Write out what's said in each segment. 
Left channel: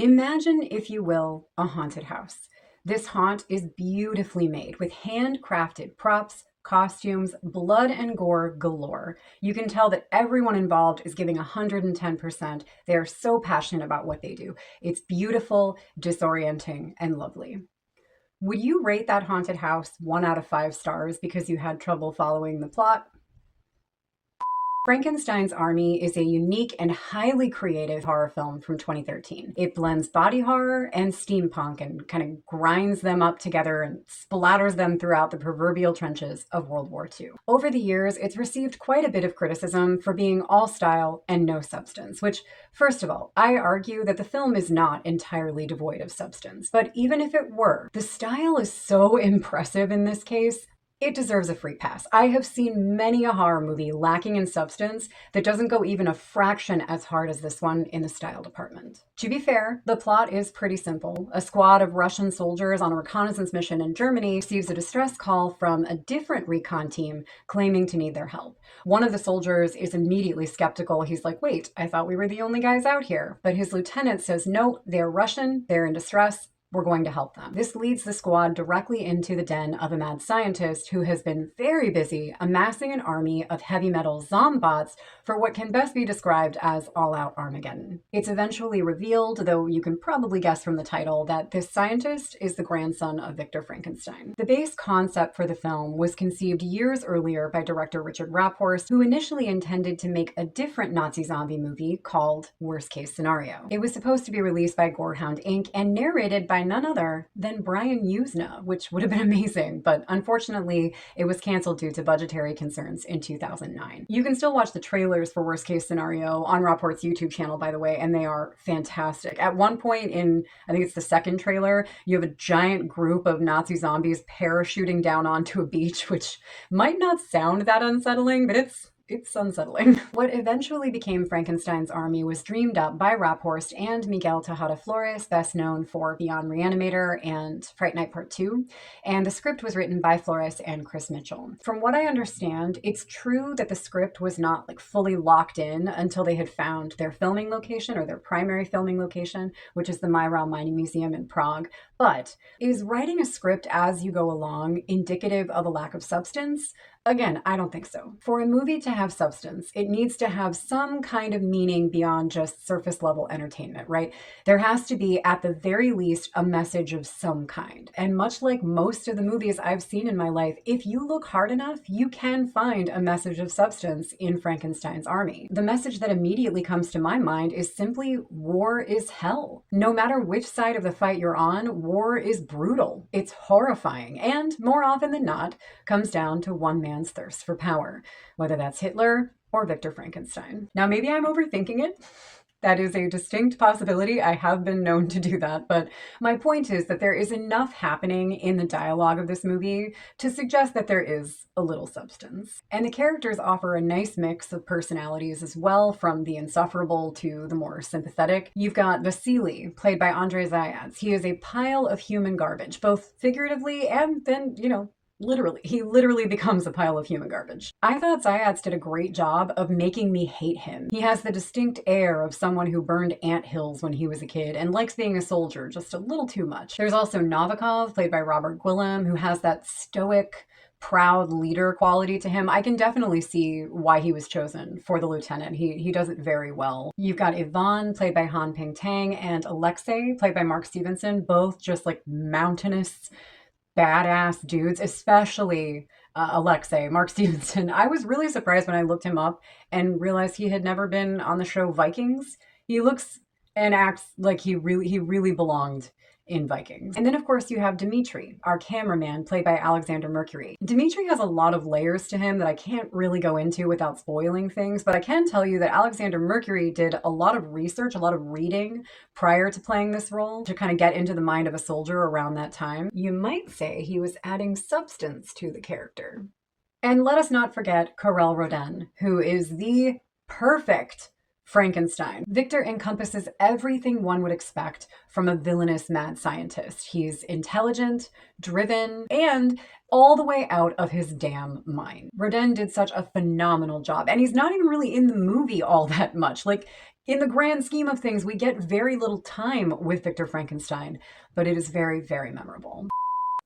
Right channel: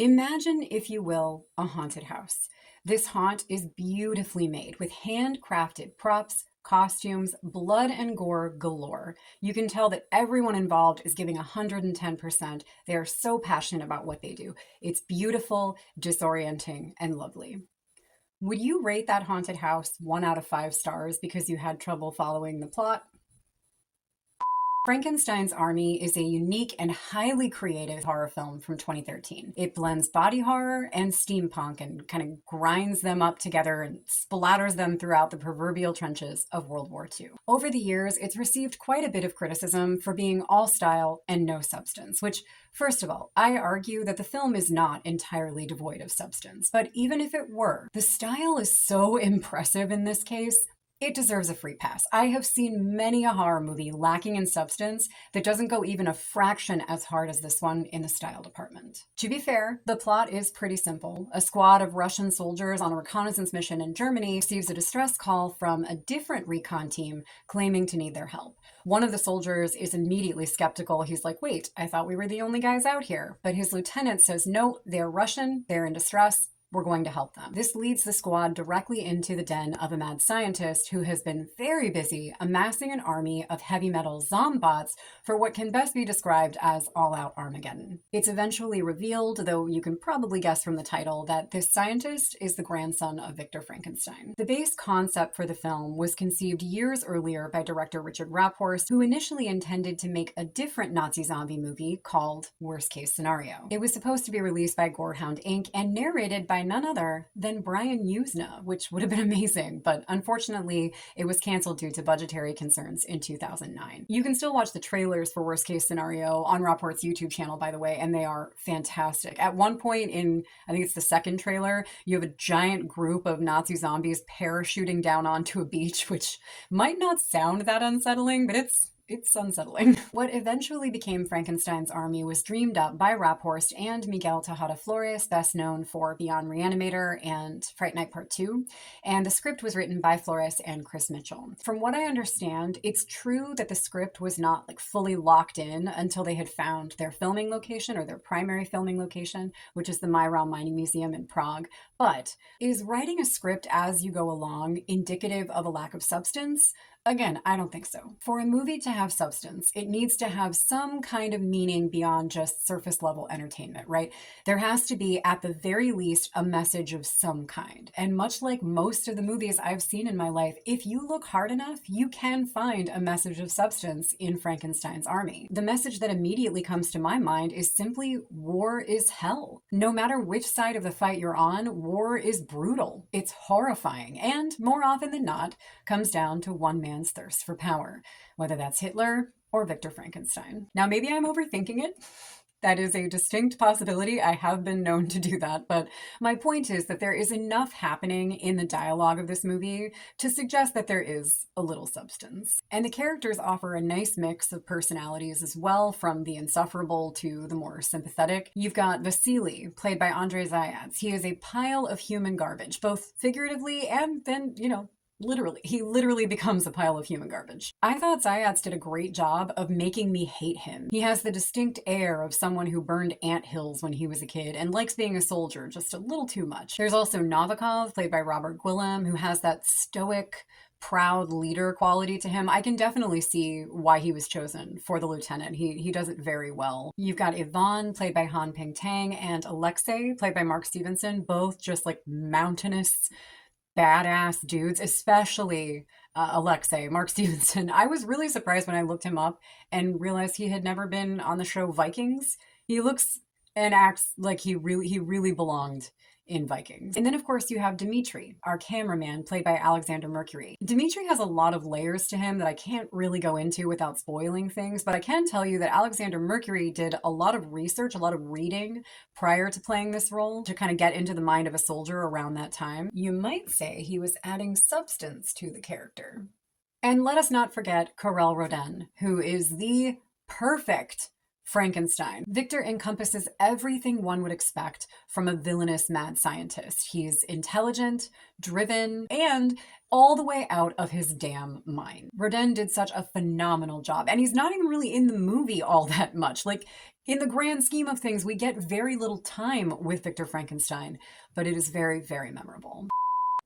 Imagine, if you will, a haunted house. This haunt is beautifully made with handcrafted props, costumes, blood and gore galore. You can tell that everyone involved is giving 110%. They are so passionate about what they do. It's beautiful, disorienting, and lovely. Would you rate that haunted house 1 out of 5 stars because you had trouble following the plot? Frankenstein's Army is a unique and highly creative horror film from 2013. It blends body horror and steampunk and kind of grinds them up together and splatters them throughout the proverbial trenches of World War II. Over the years, it's received quite a bit of criticism for being all style and no substance, which, first of all, I argue that the film is not entirely devoid of substance. But even if it were, the style is so impressive in this case it deserves a free pass. I have seen many a horror movie lacking in substance that doesn't go even a fraction as hard as this one in the style department. To be fair, the plot is pretty simple. A squad of Russian soldiers on a reconnaissance mission in Germany receives a distress call from a different recon team claiming to need their help. One of the soldiers is immediately skeptical. He's like, wait, I thought we were the only guys out here. But his lieutenant says, no, they're Russian, they're in distress, we're going to help them. This leads the squad directly into the den of a mad scientist who has been very busy amassing an army of heavy metal zombots for what can best be described as all-out Armageddon. It's eventually revealed, though you can probably guess from the title, that this scientist is the grandson of Victor Frankenstein. The base concept for the film was conceived years earlier by director Richard Raaphorst, who initially intended to make a different Nazi zombie movie called Worst Case Scenario. It was supposed to be released by Gorehound Inc. and narrated by none other than Brian Usna, which would have been amazing, but unfortunately it was canceled due to budgetary concerns in 2009. You can still watch the trailers for Worst Case Scenario on Raaphorst's YouTube channel, by the way, and they are fantastic. At one point in, I think it's the second trailer, you have a giant group of Nazi zombies parachuting down onto a beach, which might not sound that unsettling, but it's unsettling. What eventually became Frankenstein's Army was dreamed up by Raaphorst and Miguel Tejada Flores, best known for Beyond Reanimator and Fright Night Part 2, and the script was written by Flores and Chris Mitchell. From what I understand, it's true that the script was not fully locked in until they had found their filming location, or their primary filming location, which is the Mairal Mining Museum in Prague. But is writing a script as you go along indicative of a lack of substance? Again, I don't think so. For a movie to have substance, it needs to have some kind of meaning beyond just surface level entertainment, right? There has to be, at the very least, a message of some kind. And much like most of the movies I've seen in my life, if you look hard enough, you can find a message of substance in Frankenstein's Army. The message that immediately comes to my mind is simply war is hell. No matter which side of the fight you're on, war is brutal. It's horrifying, and more often than not, comes down to one man's thirst for power, whether that's Hitler or Victor Frankenstein. Now, maybe I'm overthinking it. That is a distinct possibility. I have been known to do that, but my point is that there is enough happening in the dialogue of this movie to suggest that there is a little substance. And the characters offer a nice mix of personalities as well, from the insufferable to the more sympathetic. You've got Vasily, played by Andrei Zayats. He is a pile of human garbage, both figuratively and then, literally. He literally becomes a pile of human garbage. I thought Zayats did a great job of making me hate him. He has the distinct air of someone who burned ant hills when he was a kid and likes being a soldier just a little too much. There's also Novikov, played by Robert Gwillem, who has that stoic, proud leader quality to him. I can definitely see why he was chosen for the lieutenant. He does it very well. You've got Ivan, played by Han Ping Tang, and Alexei, played by Mark Stevenson, both just mountainous, badass dudes, especially Alexei, Mark Stevenson. I was really surprised when I looked him up and realized he had never been on the show Vikings. He looks and acts like he really belonged in Vikings. And then, of course, you have Dmitri, our cameraman, played by Alexander Mercury. Dmitri has a lot of layers to him that I can't really go into without spoiling things, but I can tell you that Alexander Mercury did a lot of research, a lot of reading prior to playing this role to kind of get into the mind of a soldier around that time. You might say he was adding substance to the character. And let us not forget Karel Rodin, who is the perfect Frankenstein. Victor encompasses everything one would expect from a villainous mad scientist. He's intelligent, driven, and all the way out of his damn mind. Rodin did such a phenomenal job, and he's not even really in the movie all that much. Like, in the grand scheme of things, we get very little time with Victor Frankenstein, but it is very, very memorable.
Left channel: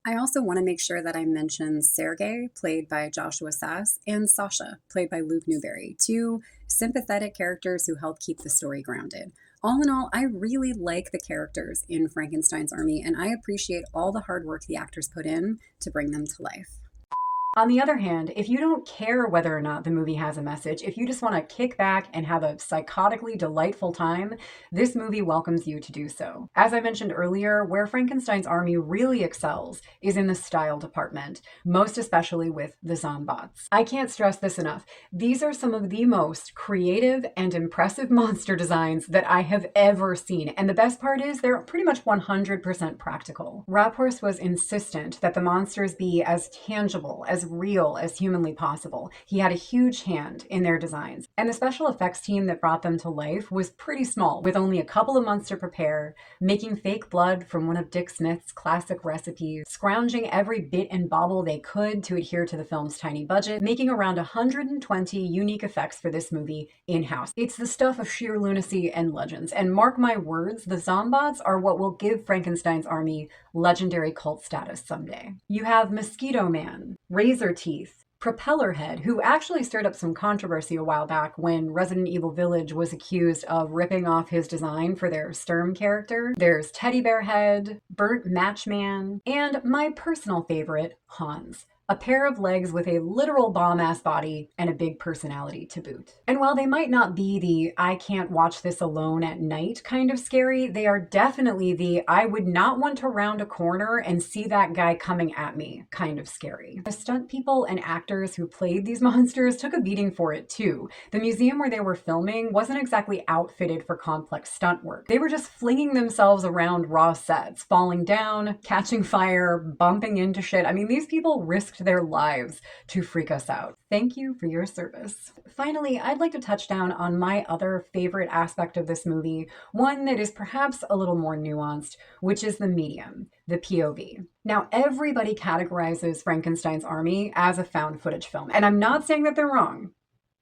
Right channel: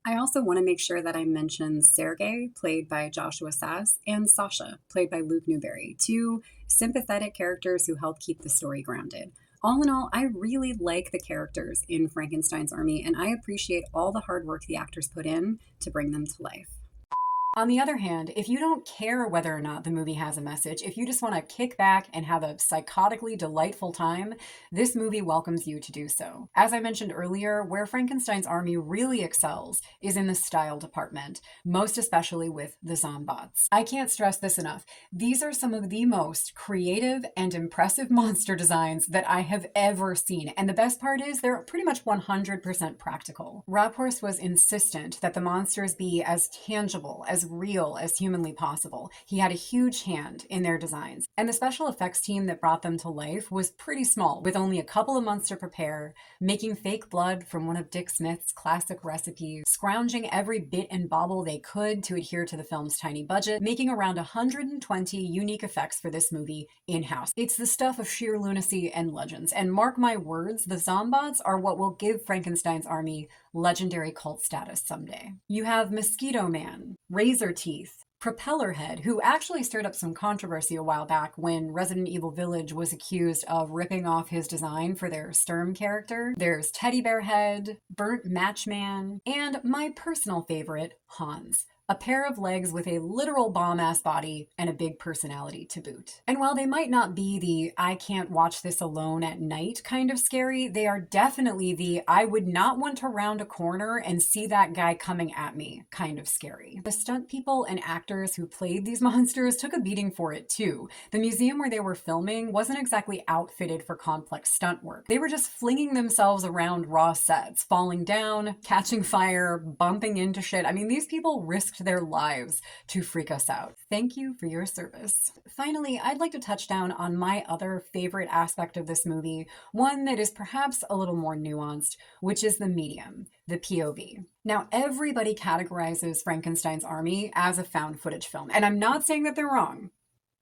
I also want to make sure that I mention Sergei, played by Joshua Sass, and Sasha, played by Luke Newberry, two sympathetic characters who help keep the story grounded. All in all, I really like the characters in Frankenstein's Army, and I appreciate all the hard work the actors put in to bring them to life. On the other hand, if you don't care whether or not the movie has a message, if you just want to kick back and have a psychotically delightful time, this movie welcomes you to do so. As I mentioned earlier, where Frankenstein's Army really excels is in the style department, most especially with the zombots. I can't stress this enough. These are some of the most creative and impressive monster designs that I have ever seen, and the best part is they're pretty much 100% practical. Raaphorst was insistent that the monsters be as tangible, as real as humanly possible. He had a huge hand in their designs. And the special effects team that brought them to life was pretty small, with only a couple of months to prepare, making fake blood from one of Dick Smith's classic recipes, scrounging every bit and bauble they could to adhere to the film's tiny budget, making around 120 unique effects for this movie in-house. It's the stuff of sheer lunacy and legends. And mark my words, the zombots are what will give Frankenstein's Army legendary cult status someday. You have Mosquito Man, Razor Teeth, Propeller Head, who actually stirred up some controversy a while back when Resident Evil Village was accused of ripping off his design for their Sturm character. There's Teddy Bear Head, Burnt Matchman, and my personal favorite, Hans. A pair of legs with a literal bomb-ass body and a big personality to boot. And while they might not be the I can't watch this alone at night kind of scary, they are definitely the I would not want to round a corner and see that guy coming at me kind of scary. The stunt people and actors who played these monsters took a beating for it too. The museum where they were filming wasn't exactly outfitted for complex stunt work. They were just flinging themselves around raw sets, falling down, catching fire, bumping into shit. I mean, these people risked their lives to freak us out. Thank you for your service. Finally, I'd like to touch down on my other favorite aspect of this movie, one that is perhaps a little more nuanced, which is the medium, the POV. Now, everybody categorizes Frankenstein's Army as a found footage film, and I'm not saying that they're wrong.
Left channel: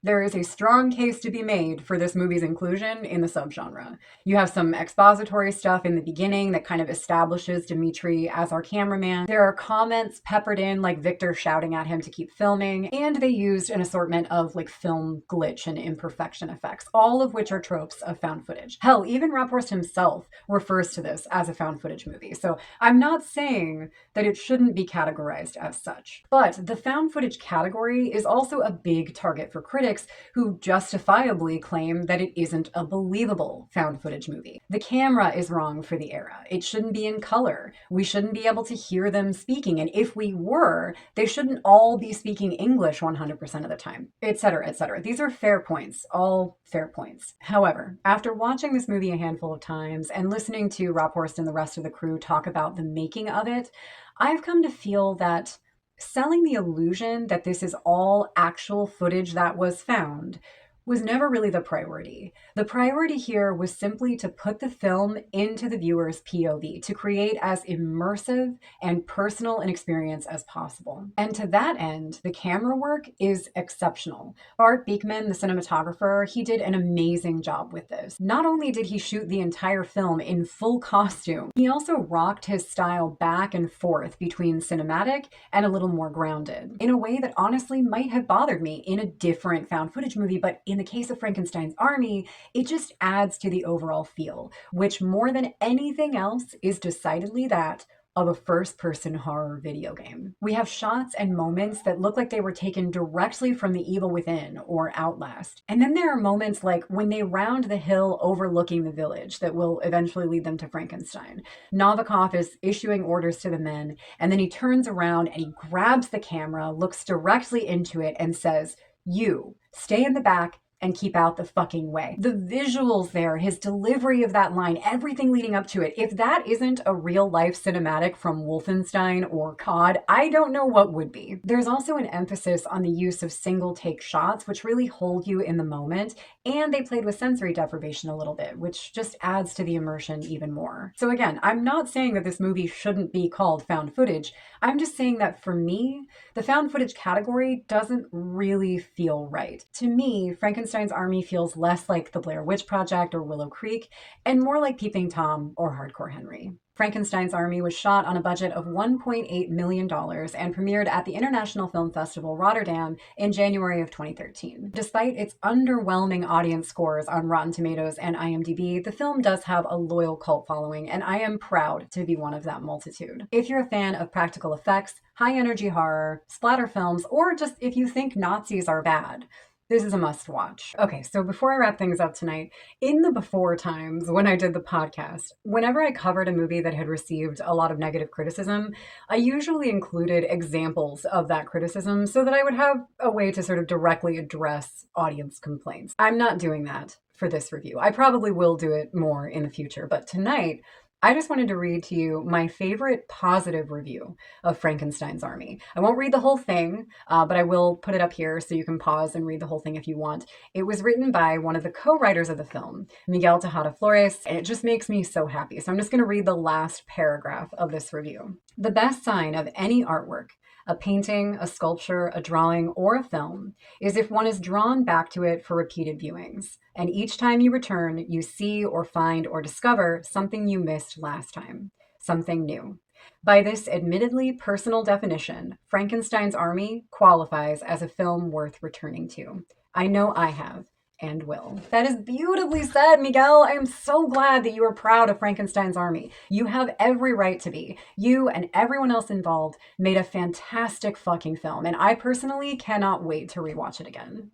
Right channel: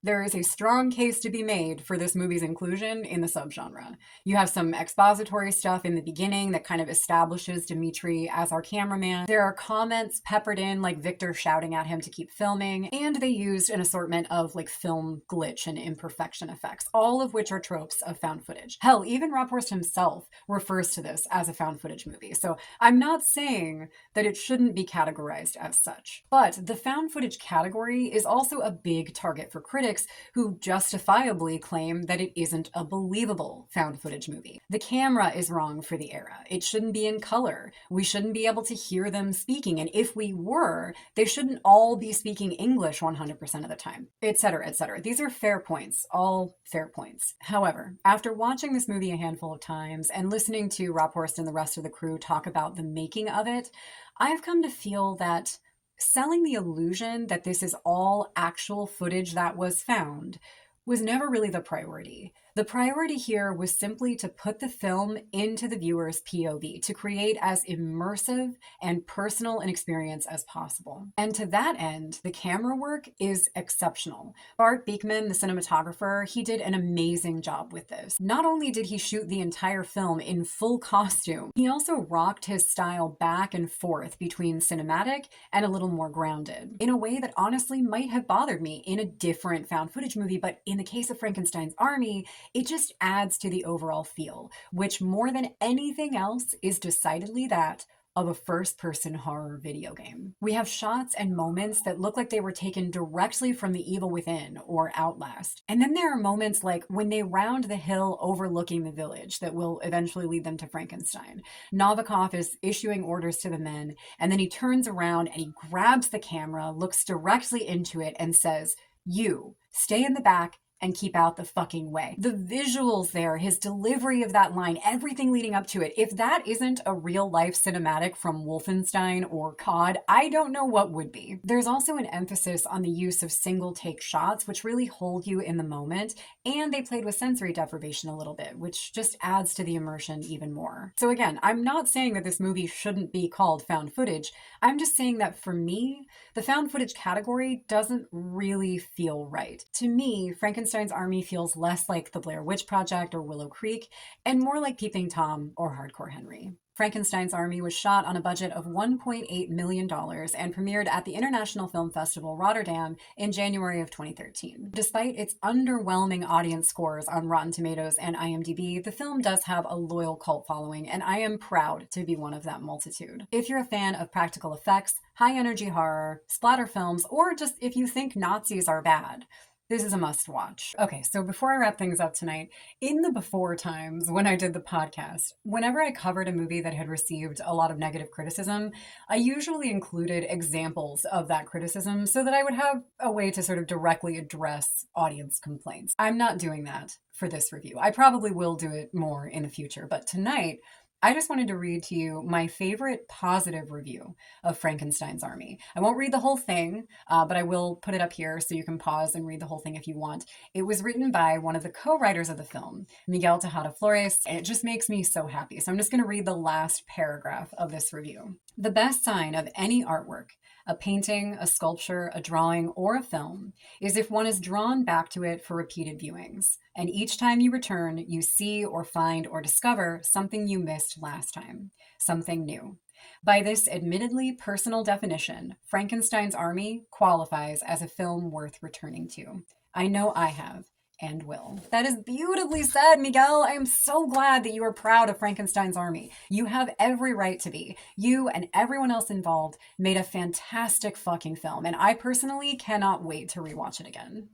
There is a strong case to be made for this movie's inclusion in the subgenre. You have some expository stuff in the beginning that kind of establishes Dimitri as our cameraman. There are comments peppered in, like Victor shouting at him to keep filming, and they used an assortment of like film glitch and imperfection effects, all of which are tropes of found footage. Hell, even Raaphorst himself refers to this as a found footage movie, so I'm not saying that it shouldn't be categorized as such. But the found footage category is also a big target for critics who justifiably claim that it isn't a believable found footage movie. The camera is wrong for the era. It shouldn't be in color. We shouldn't be able to hear them speaking. And if we were, they shouldn't all be speaking English 100% of the time, etc., etc. These are fair points, all fair points. However, after watching this movie a handful of times and listening to Raaphorst and the rest of the crew talk about the making of it, I've come to feel that selling the illusion that this is all actual footage that was found was never really the priority. The priority here was simply to put the film into the viewer's POV, to create as immersive and personal an experience as possible. And to that end, the camera work is exceptional. Bart Beekman, the cinematographer, he did an amazing job with this. Not only did he shoot the entire film in full costume, he also rocked his style back and forth between cinematic and a little more grounded, in a way that honestly might have bothered me in a different found footage movie, but in the case of Frankenstein's Army, it just adds to the overall feel, which more than anything else is decidedly that of a first-person horror video game. We have shots and moments that look like they were taken directly from The Evil Within or Outlast. And then there are moments like when they round the hill overlooking the village that will eventually lead them to Frankenstein. Novikov is issuing orders to the men, and then he turns around and he grabs the camera, looks directly into it, and says, "You, stay in the back and keep out the fucking way. The visuals there, his delivery of that line, everything leading up to it. If that isn't a real life cinematic from Wolfenstein or COD, I don't know what would be. There's also an emphasis on the use of single take shots, which really hold you in the moment. And they played with sensory deprivation a little bit, which just adds to the immersion even more. So again, I'm not saying that this movie shouldn't be called found footage. I'm just saying that for me, the found footage category doesn't really feel right. To me, Frankenstein's Army feels less like The Blair Witch Project or Willow Creek, and more like Peeping Tom or Hardcore Henry. Frankenstein's Army was shot on a budget of $1.8 million and premiered at the International Film Festival Rotterdam in January of 2013. Despite its underwhelming audience scores on Rotten Tomatoes and IMDb, the film does have a loyal cult following, and I am proud to be one of that multitude. If you're a fan of practical effects, high-energy horror, splatter films, or just if you think Nazis are bad, this is a must watch. Okay, so before I wrap things up tonight, in the before times when I did the podcast, whenever I covered a movie that had received a lot of negative criticism, I usually included examples of that criticism so that I would have a way to sort of directly address audience complaints. I'm not doing that for this review. I probably will do it more in the future, but tonight, I just wanted to read to you my favorite positive review of Frankenstein's Army. I won't read the whole thing, but I will put it up here so you can pause and read the whole thing if you want. It was written by one of the co-writers of the film, Miguel Tejada Flores, and it just makes me so happy. So I'm just going to read the last paragraph of this review. The best sign of any artwork, a painting, a sculpture, a drawing, or a film, is if one is drawn back to it for repeated viewings. And each time you return, you see or find or discover something you missed last time, something new. By this admittedly personal definition, Frankenstein's Army qualifies as a film worth returning to. I know I have. And will. That is beautifully said, Miguel. I am so glad that you are proud of Frankenstein's Army. You have every right to be. You and everyone else involved made a fantastic fucking film, and I personally cannot wait to rewatch it again.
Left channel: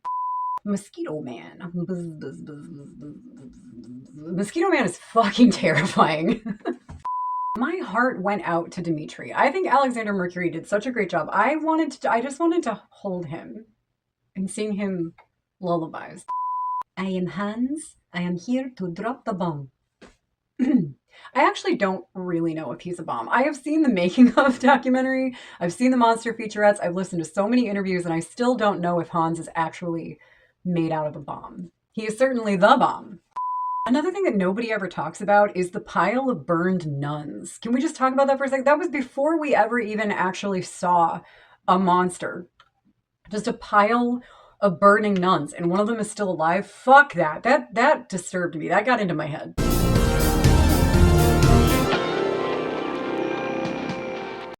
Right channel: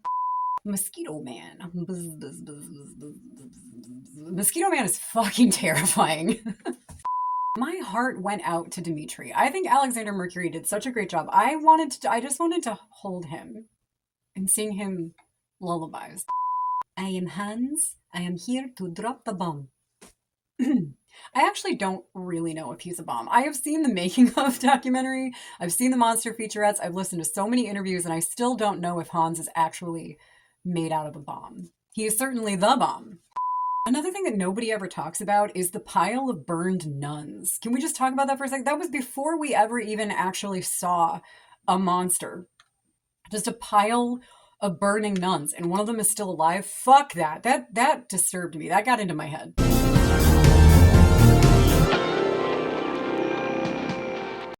Mosquito Man. Mosquito Man is fucking terrifying. My heart went out to Dimitri. I think Alexander Mercury did such a great job. I just wanted to hold him and sing him lullabies. I am Hans. I am here to drop the bomb. I actually don't really know if he's a bomb. I have seen the making of documentary. I've seen the monster featurettes. I've listened to so many interviews, and I still don't know if Hans is actually made out of a bomb. He is certainly the bomb. Another thing that nobody ever talks about is the pile of burned nuns. Can we just talk about that for a second? That was before we ever even actually saw a monster. Just a pile of burning nuns, and one of them is still alive. Fuck that. That disturbed me. That got into my head.